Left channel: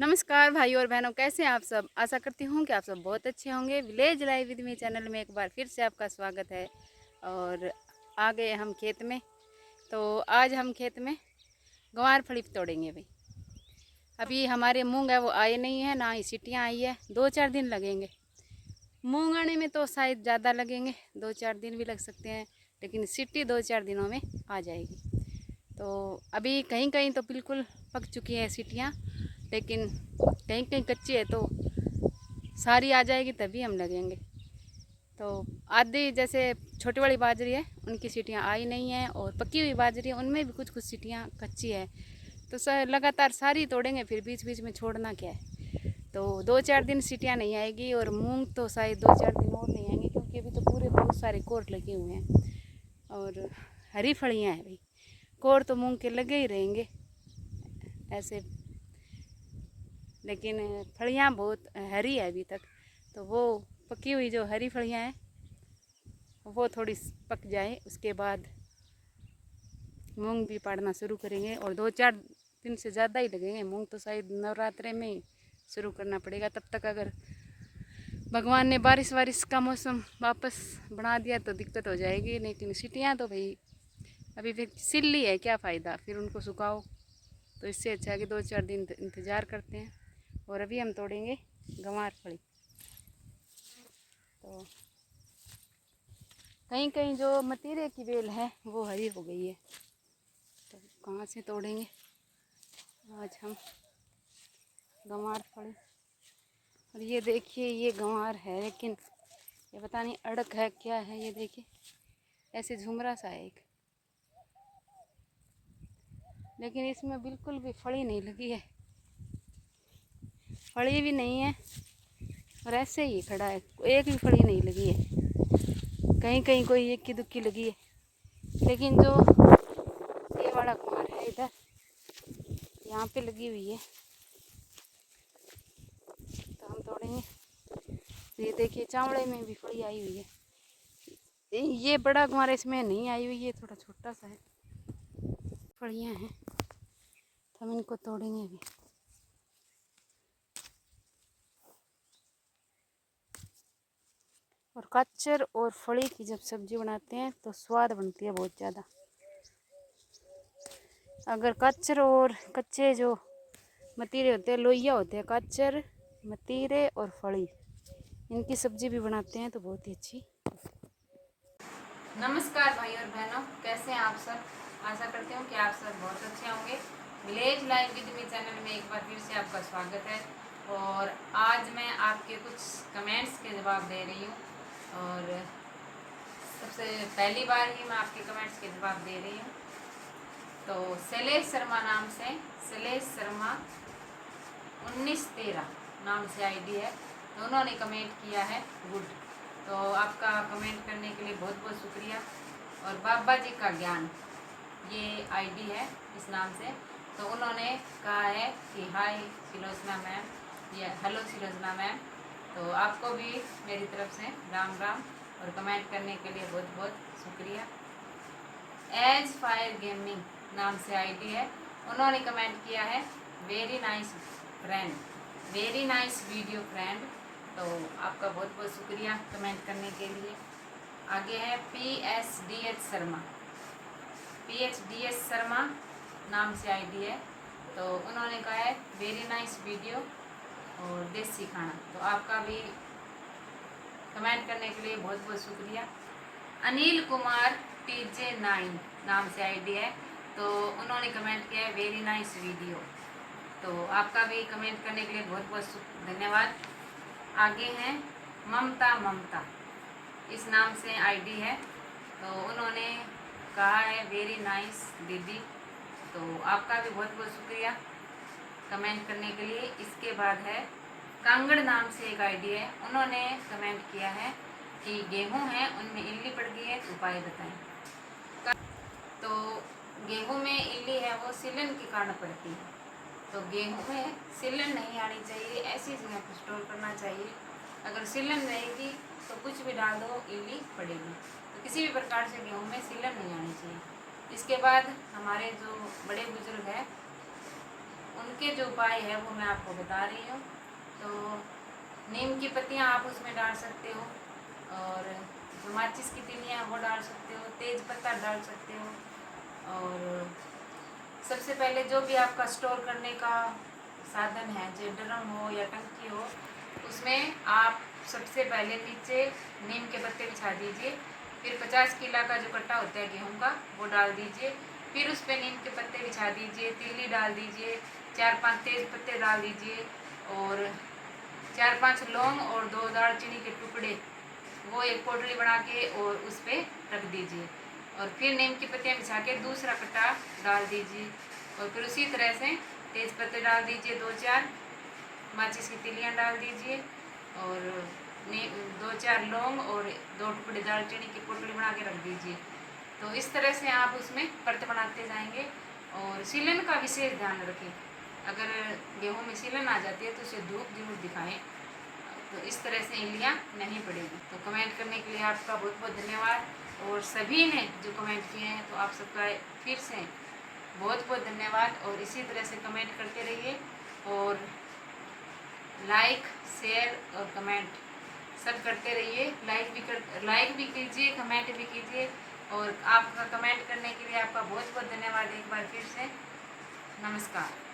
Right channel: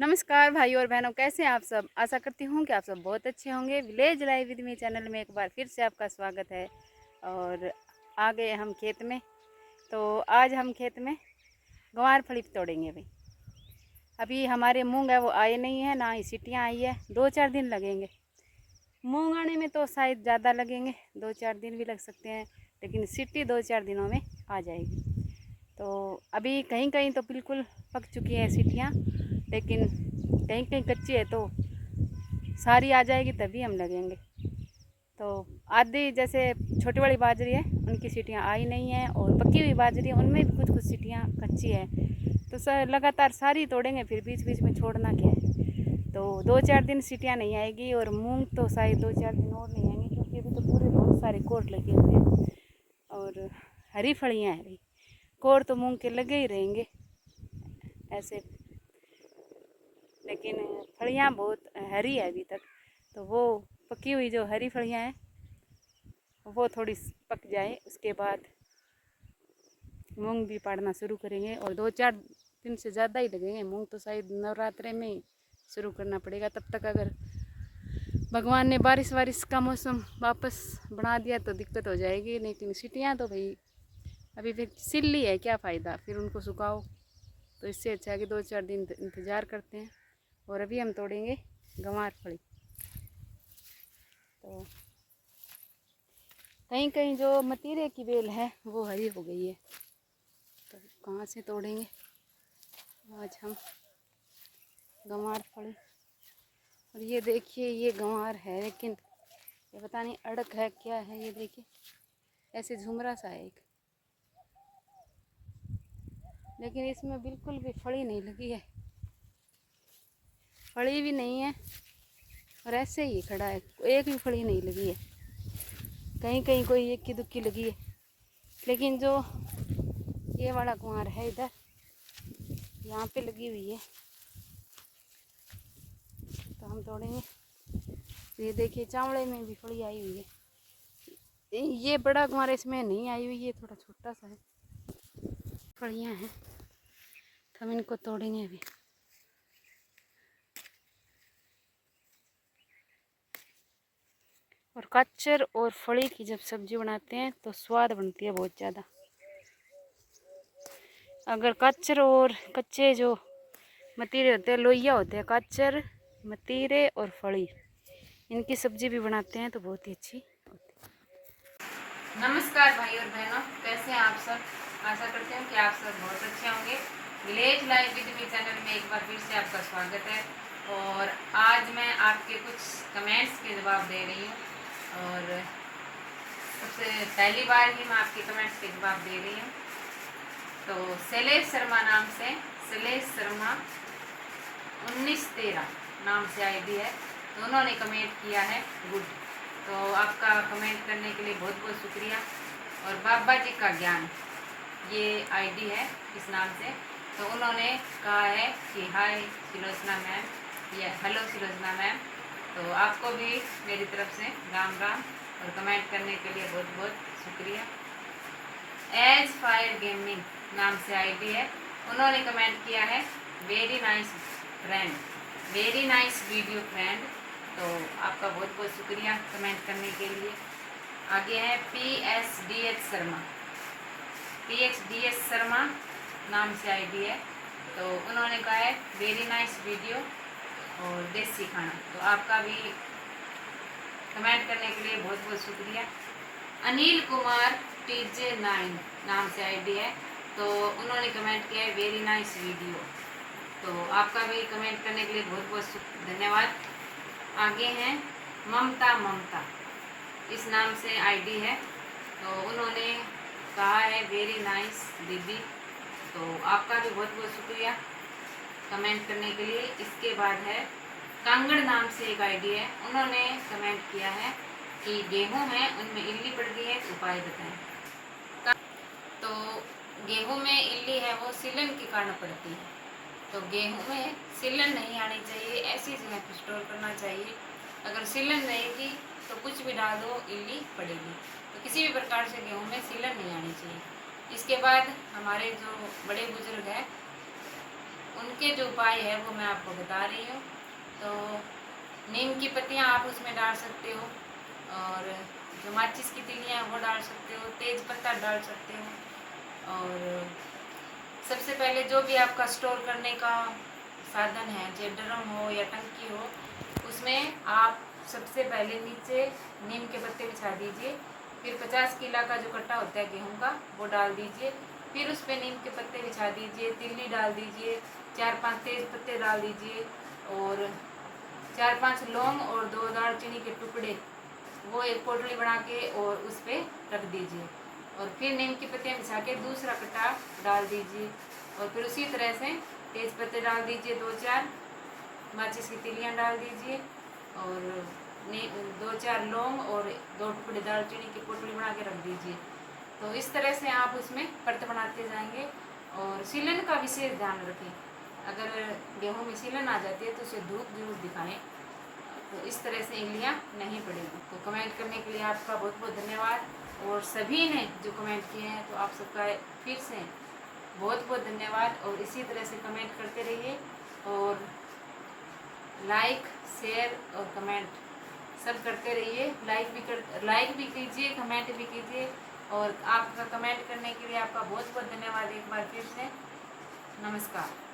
नमस्कार भाई और बहनों, कैसे हैं आप सब। आशा करती हूँ कि आप सब बहुत अच्छे होंगे। Village life with me channel में एक बार फिर से आपका स्वागत है। और आ गए हम खेत में। तो आज हम खेत में गंवार फली तोड़ेंगे भाई। अभी हमारे मूंग है वो आए नहीं है, ना ही सीटियाँ आई है। 2-4 दिन लगेंगे मूंग आने में, तो शायद ज़्यादा लगेंगे, 2-4 दिन भी लग सकते हैं, लेकिन सीटी 2-4 दिनों में आ जाएगी। तो अभी कहीं कहीं तो बिल्कुल पक चुकी है सीटियाँ, लेकिन कहीं कहीं कच्ची है, तो सारी आ जाएगी तभी हम लगेंगे। तो आधी जैसे छोटी वाली बाजरी है उनकी सीटियाँ आई नहीं हैं, और पकी हुई बाजरी है उनमें भी कुछ कुछ सीटियाँ कच्ची है। तो लगातार सारी तोड़ेंगे, फिर बीच बीच में छोड़ना क्या है। तो 2-4 दिन सीटियाँ नहीं आएगी, और मूंग तो शायद 2-4 दिन और नहीं आएंगे, क्योंकि अभी तो पूरे बहुत सारे कोर लगे हुए हैं और हरी फलियाँ हैं भाई। कोर तो मूंग के लगे ही रहेंगे ऐसे, लेकिन फलियाँ बहुत हरी है अभी तक। तो वो पकी हुई जो हरी फलियाँ हैं वो थोड़ी पक जाए, उसके बाद मूंग भी पाड़ना शुरू करेंगे। और 2-4 दिन से ज़्यादा ही लगेंगे। मूंग तो शायद नवरात्रे में ही शुरू करना पड़ेगा। तब तक अगर भगवान ने बारिश का मौसम वापस बना दिया तो दिक्कत हो जाएगी। लेकिन सीटियाँ तो भाई अभी फिर सिल्ली है, क्या फ़ायदा फिर उनको सुखाओ। तो इससे अच्छा है कि 2-4 दिन इंतज़ार करते हैं। और अभी हम तोड़ेंगे गंवार फली। तो कहीं कहीं जो मतीरे की बेल है वो हरी हो गई है, तो कहाँ से तोड़ेंगे आज हम गंवार फली। और ये देखिए, ये गंवार है, लेकिन ये पता नहीं अड़क है क्या है। ये देखिए ऐसे झुमरा सा है एक, लेकिन इसमें बिल्कुल भी फली नहीं लगी है, फली भी नहीं है, और ऐसे ही खड़ा है, एक भी फली नहीं लगी है। कहीं कहीं कोई एक की दुक्की लगी है, लेकिन जो ये वाला कुमार है इधर यहाँ पे लगी हुई है, तो हम तोड़ेंगे। ये देखिए चावड़े में भी फली आई हुई है। ये बड़ा कुमार इसमें नहीं आई हुई है, थोड़ा छोटा सा है। फलियाँ हैं तो हम इनको तोड़ेंगे अभी। और कच्चर और फली की जब सब्जी बनाते हैं तो स्वाद बनती है बहुत ज़्यादा। अगर कच्चर और कच्चे जो मतीरे होते हैं, लोइया होते हैं, कच्चर मतीरे और फली, इनकी सब्जी भी बनाते हैं तो बहुत ही अच्छी होती है। नमस्कार भाई और बहनों, कैसे हैं आप सब। आशा करते हूँ कि आप सब बहुत अच्छे होंगे। Village life with me channel में एक बार फिर से आपका स्वागत है। और आज मैं आपके कुछ कमेंट्स के जवाब दे रही हूँ। और सबसे पहली बार ही मैं आपके कमेंट्स के जवाब दे रही हूँ। तो शैलेश शर्मा नाम से, शैलेश शर्मा 1913 नाम से आईडी है, तो उन्होंने कमेंट किया है गुड। तो आपका कमेंट करने के लिए बहुत बहुत शुक्रिया। और बाबा जी का ज्ञान ये आईडी है इस नाम से, तो उन्होंने कहा है कि हाय सुलोचना मैम, या हेलो सुलोचना मैम। तो आपको भी मेरी तरफ से राम राम, और कमेंट करने के लिए बहुत बहुत शुक्रिया। एज फायर गेमिंग नाम से आईडी है, उन्होंने कमेंट किया है very nice friend, very nice video friend. तो आपका बहुत बहुत शुक्रिया कमेंट करने के लिए। आगे है PSDH शर्मा, PHDS शर्मा नाम से आईडी है, तो उन्होंने कहा है वेरी नाइस वीडियो और देसी खाना। तो आपका भी कमेंट करने के लिए बहुत बहुत शुक्रिया। अनिल कुमार TJ9 नाम से आईडी है, तो उन्होंने कमेंट किया है वेरी नाइस वीडियो। तो आपका भी कमेंट करने के लिए बहुत बहुत धन्यवाद। आगे हैं ममता, इस नाम से आईडी है, तो उन्होंने कहा है वेरी नाइस दीदी। तो आपका भी बहुत बहुत शुक्रिया कमेंट करने के लिए। इसके बाद है कांगड़ नाम से एक आईडी है, उन्होंने कमेंट किया है कि गेहूँ है उनमें इल्ली पड़ गई है, उपाय बताएं। तो गेहूँ में इल्ली है वो सिलन के कारण पड़ती है, तो गेहूँ में सिलन नहीं आनी चाहिए, ऐसी जगह पर स्टोर करना चाहिए। अगर सिलन रहेगी तो कुछ भी डाल दो इल्ली पड़ेगी, तो किसी भी प्रकार से गेहूँ में सिलन नहीं आनी चाहिए। इसके बाद हमारे जो बड़े बुजुर्ग हैं उनके जो उपाय है वो मैं आपको बता रही हूँ। तो नीम की पत्तियाँ आप उसमें डाल सकते हो, और जो माचिस की तिलियाँ वो डाल सकते हो, तेज पत्ता डाल सकते हो। और सबसे पहले जो भी आपका स्टोर करने का साधन है, चाहे ड्रम हो या टंकी हो, उसमें आप सबसे पहले नीचे नीम के पत्ते बिछा दीजिए। फिर 50 किलो का जो कट्टा होता है गेहूं का वो डाल दीजिए। फिर उस पर नीम के पत्ते बिछा दीजिए, तिल्ली डाल दीजिए, 4-5 तेज पत्ते डाल दीजिए, और 4-5 लौंग और 2 दालचीनी के टुकड़े वो एक पोटली बना के और उस पर रख दीजिए। और फिर नीम की पत्तियाँ बिछा के दूसरा कट्टा डाल दीजिए, और फिर उसी तरह से तेज पत्ते डाल दीजिए, 2-4 माचिस की तिलियाँ डाल दीजिए, और 2-4 लौंग और 2 टुकड़े दालचीनी की पोटली बना के रख दीजिए। तो इस तरह से आप उसमें परत बनाते जाएंगे। और सीलन का विशेष ध्यान रखें, अगर गेहूं में सीलन आ जाती है तो उसे धूप जरूर दिखाएं, तो इस तरह से इल्लियाँ नहीं पड़ेगी। तो कमेंट करने के लिए आपका बहुत बहुत धन्यवाद, और सभी ने जो कमेंट किए हैं तो आप सबका फिर से बहुत बहुत धन्यवाद। और इसी तरह से कमेंट करते रहिए, और लाइक शेयर और कमेंट सब करते रहिए। लाइक भी कीजिए, कमेंट भी कीजिए, और आपका कमेंट करने के लिए आपका बहुत बहुत धन्यवाद एक बार फिर से। नमस्कार।